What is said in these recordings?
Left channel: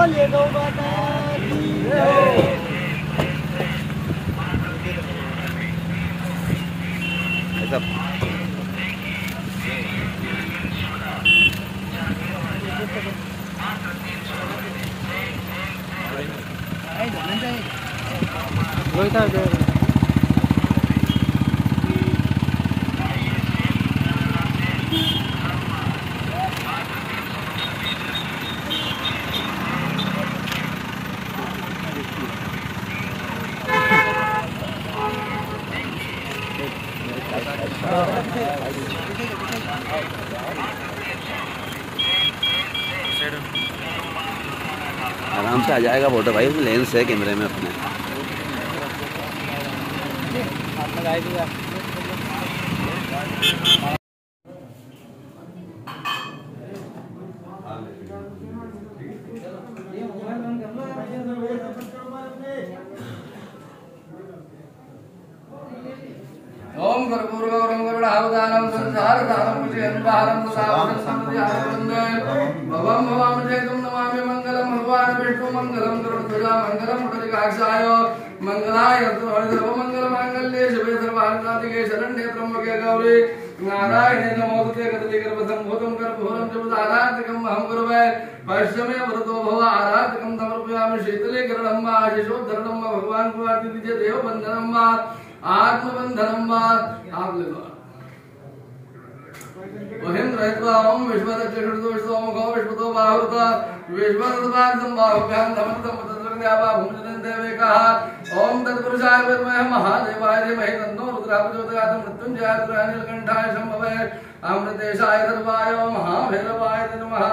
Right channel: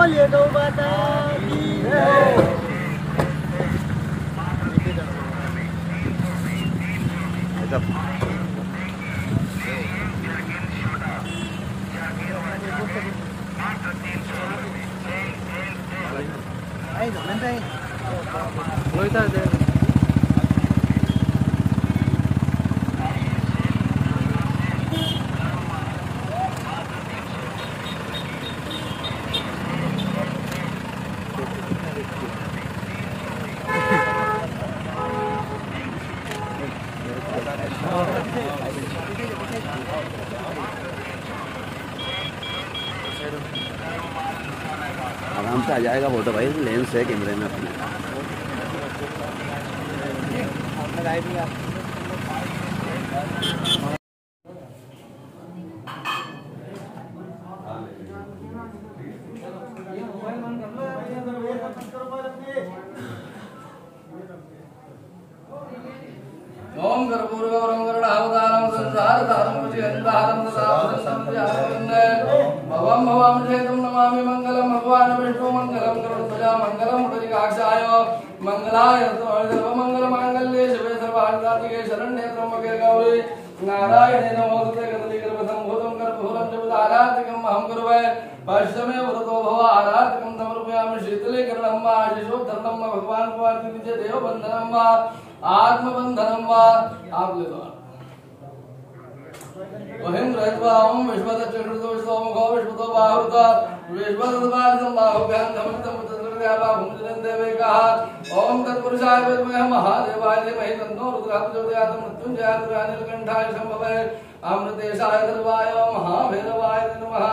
बोले दो माता की जय। आराम से आ जाएगा फोटो भाई, लेंस है कैमरे में अपने। ओम कर्पूरगौरम करुणावतारम संसारसारम मुझेंदारम ददामि संध्यावन्दे भवं भवामि चेतुं नमामि मंगलम भगवान् विष्णु मंगलम गरुड़ध्वजा मंगलम पुंडरीकाक्षाय मंगलाय सर्वमंगलमांगल्ये शिवे सर्वार्थसाधिके शरण्ये त्र्यंबके गौरी नारायणे नमोस्तुते गदलीगर्भसम्भूतं कर्पूरं जपदाराधिकं अहं गुरुवे पश्चिमे वरदो भव आराधिकं समर्पयामि शीतले किरणं वा आशिषोद्धरणं वा भगवान् को आरती दीजिए देवबन्धनं वा आत्मबंधनम वा आप ले लो। ओहिम रहत्वा ओम विश्वदक्षिणो सोमो विश्वतो बाहुका विश्वदवादं बाहुभ्यां धमतं मुद्रद्यावा भूमजनं देवेकः ओम तत्पुरुषाय विद्महे महादेवाय धीमहि तन्नो रुद्रः प्रचोदयात् मृत्युंजयाय नीलकंठाय शंभवे अमृतेशाय सर्वाय महाभैरवाय नमः।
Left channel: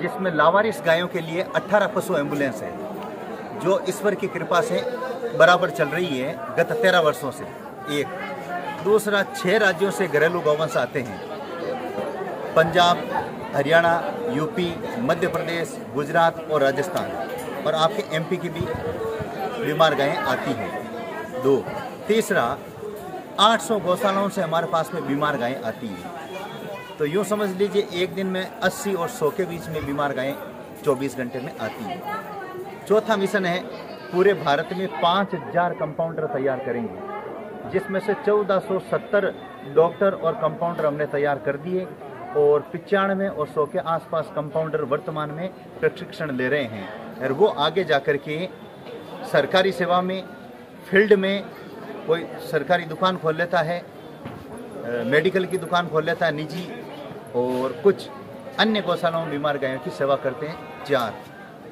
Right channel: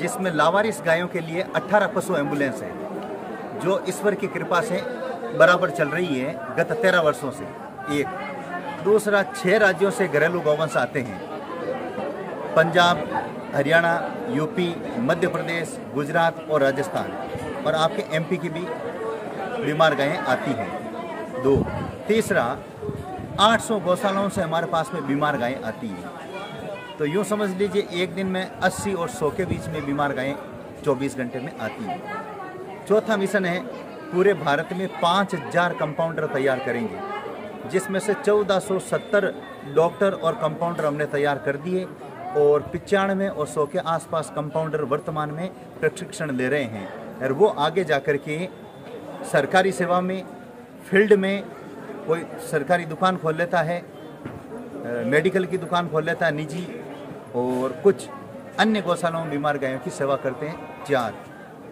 जिसमें लावारिस गायों के लिए 18 पशु एम्बुलेंस है, जो ईश्वर की कृपा से बराबर चल रही है गत 13 वर्षों से। एक दूसरा, 6 राज्यों से घरेलू गौवंश आते हैं, पंजाब, हरियाणा, यूपी, मध्य प्रदेश, गुजरात और राजस्थान, और आपके एमपी की भी बीमार गायें आती हैं। 2, तीसरा, 800 गौशालाओं से हमारे पास में बीमार गायें आती हैं। तो यूँ समझ लीजिए एक दिन में 80 और 100 के बीच में बीमार गायें 24 घंटे में आती हैं। चौथा मिशन है, पूरे भारत में 5000 कंपाउंडर तैयार करेंगे, जिसमें से 1470 डॉक्टर और कंपाउंडर हमने तैयार कर दिए, और 95 और 100 के आसपास कंपाउंडर वर्तमान में प्रशिक्षण ले रहे हैं। और वो आगे जाकर के सरकारी सेवा में, फील्ड में कोई सरकारी दुकान खोल लेता है, मेडिकल की दुकान खोल लेता है निजी, और कुछ अन्य गौशालाओं में बीमार गायों की सेवा करते हैं। 4,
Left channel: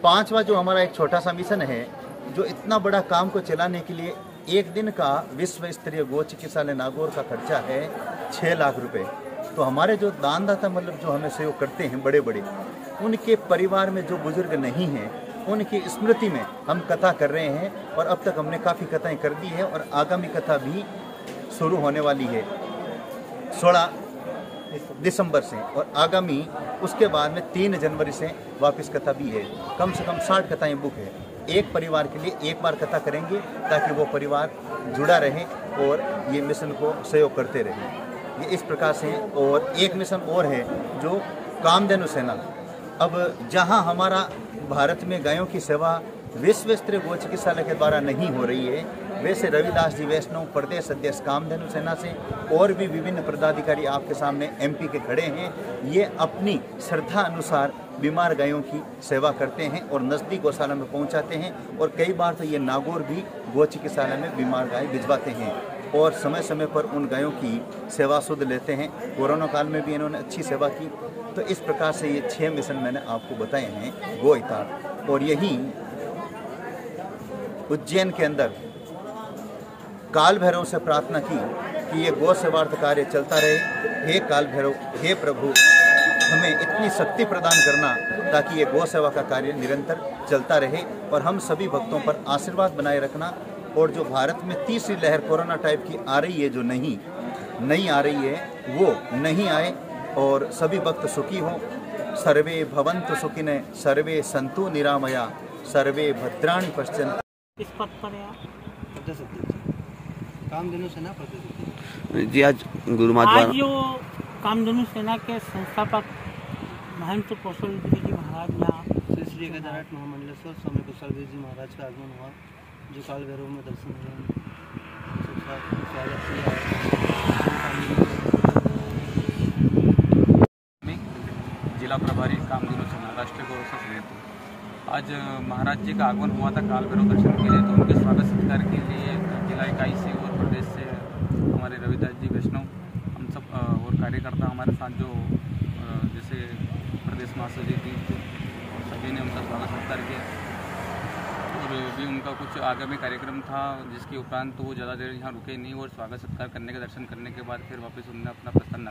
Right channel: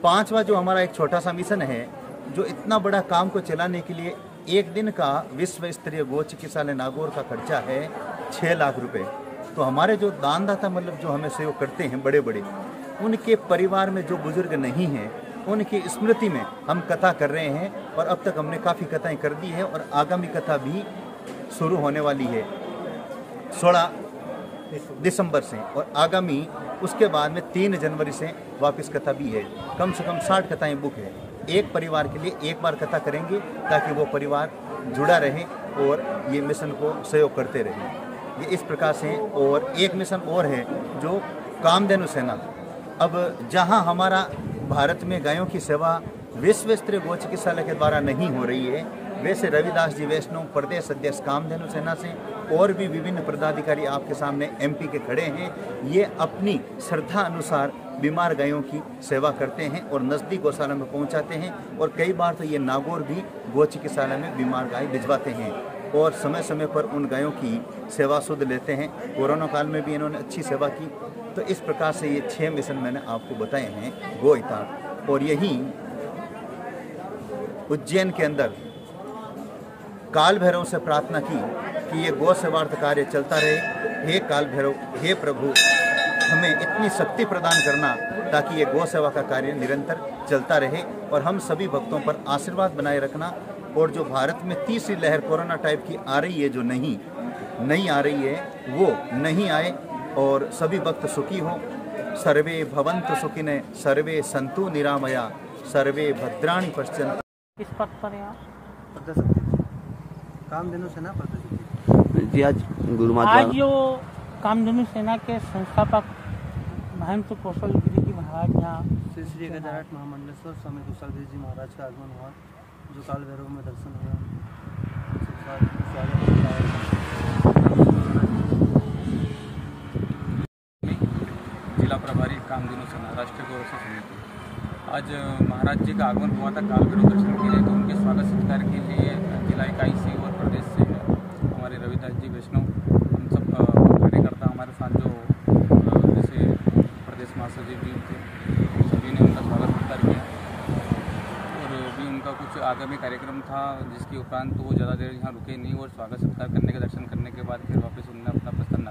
5वां जो हमारा एक छोटा सा मिशन है, जो इतना बड़ा काम को चलाने के लिए एक दिन का विश्व स्तरीय गौ चिकित्सालय नागौर का खर्चा है 6 लाख रुपए। तो हमारे जो दानदाता मतलब जो हमें सहयोग करते हैं बड़े बड़े, उनके परिवार में जो बुजुर्ग नहीं हैं, उनकी स्मृति में हम कथा कर रहे हैं, और अब तक हमने काफ़ी कथाएं कर दी है, और आगामी कथा भी शुरू होने वाली है 16 दिसंबर से, और आगामी उसके बाद में 3 जनवरी से वापस कथा भी है। कम से कम 60 कथाएं बुक है। एक परिवार के लिए एक बार कथा करेंगे, ताकि वो परिवार जुड़ा रहे और ये मिशन को सहयोग करते रहे। ये इस प्रकार से। और एक मिशन और है, जो कामधेनु सेना। अब जहां हमारा भारत में गायों की सेवा विश्व स्तरीय गौ चिकित्सालय के द्वारा नहीं हो रही है, वैसे रविदास जी वैष्णव प्रदेश अध्यक्ष कामधेनु सेना से और भी विभिन्न पदाधिकारी आपके सामने एमपी के खड़े हैं। ये अपनी श्रद्धा अनुसार बीमार गायों की सेवा करते हैं और नजदीक गौशाला में पहुंचाते हैं, और कई बार तो ये नागौर भी गौ चिकित्सालय में बीमार गाय भिजवाते हैं, और समय समय पर उन गायों की सेवा सुध लेते हैं। कोरोना काल में भी इन्होंने अच्छी सेवा की। तो इस प्रकार से ये 6 मिशन मैंने आपको बताए हैं गो हितार्थ। और यही उज्जैन के अंदर काल भैरव से प्रार्थना की कि ये गौ सेवार्थ कार्य चलता रहे। हे काल भैरव, हे प्रभु, हमें इतनी शक्ति प्रदान करना ताकि ये गौ सेवा का कार्य निरंतर चलता रहे, और हम सभी भक्तों पर आशीर्वाद बनाए रखना। और जो भारत में तीसरी लहर कोरोना टाइप की आ रही है, जो नहीं आ रही है, वो नहीं आए, और सभी भक्त सुखी हों। सर्वे भवन्तु सुखिनः, सर्वे सन्तु निरामया, सर्वे भद्राणि पश्यन्तु। इस पद पर यहाँ कामधेनु सेना प्रदेश जी आज गुरु आज महात्मा जो कामधेनु सेना के संस्थापक महंत कौशलगिरी जी महाराज यहाँ श्री श्री 1008 महामंडलेश्वर स्वामी कुशलगिरी जी महाराज का आगमन हुआ, जो काल भैरव में दर्शन हुआ। हम सब साथ स्वागत। जिला प्रभारी कामधेनु सेना राष्ट्रीय गौरव समिति, आज महाराज जी का आगमन हुआ था काल भैरव दर्शन के लिए, तो उनके स्वागत सत्कार के लिए जिला इकाई से और प्रदेश से हमारे रविदास जी वैष्णव, हम सब कार्यकर्ता हमारे साथ जो जैसे प्रदेश महासचिव जी थे, सभी ने उनका स्वागत सत्कार किया। और भी उनका कुछ आगामी कार्यक्रम था, जिसके उपरांत तो वो ज़्यादा देर यहाँ रुके नहीं और स्वागत सत्कार करने के दर्शन करने के बाद फिर वापस उन्होंने अपना प्रस्थान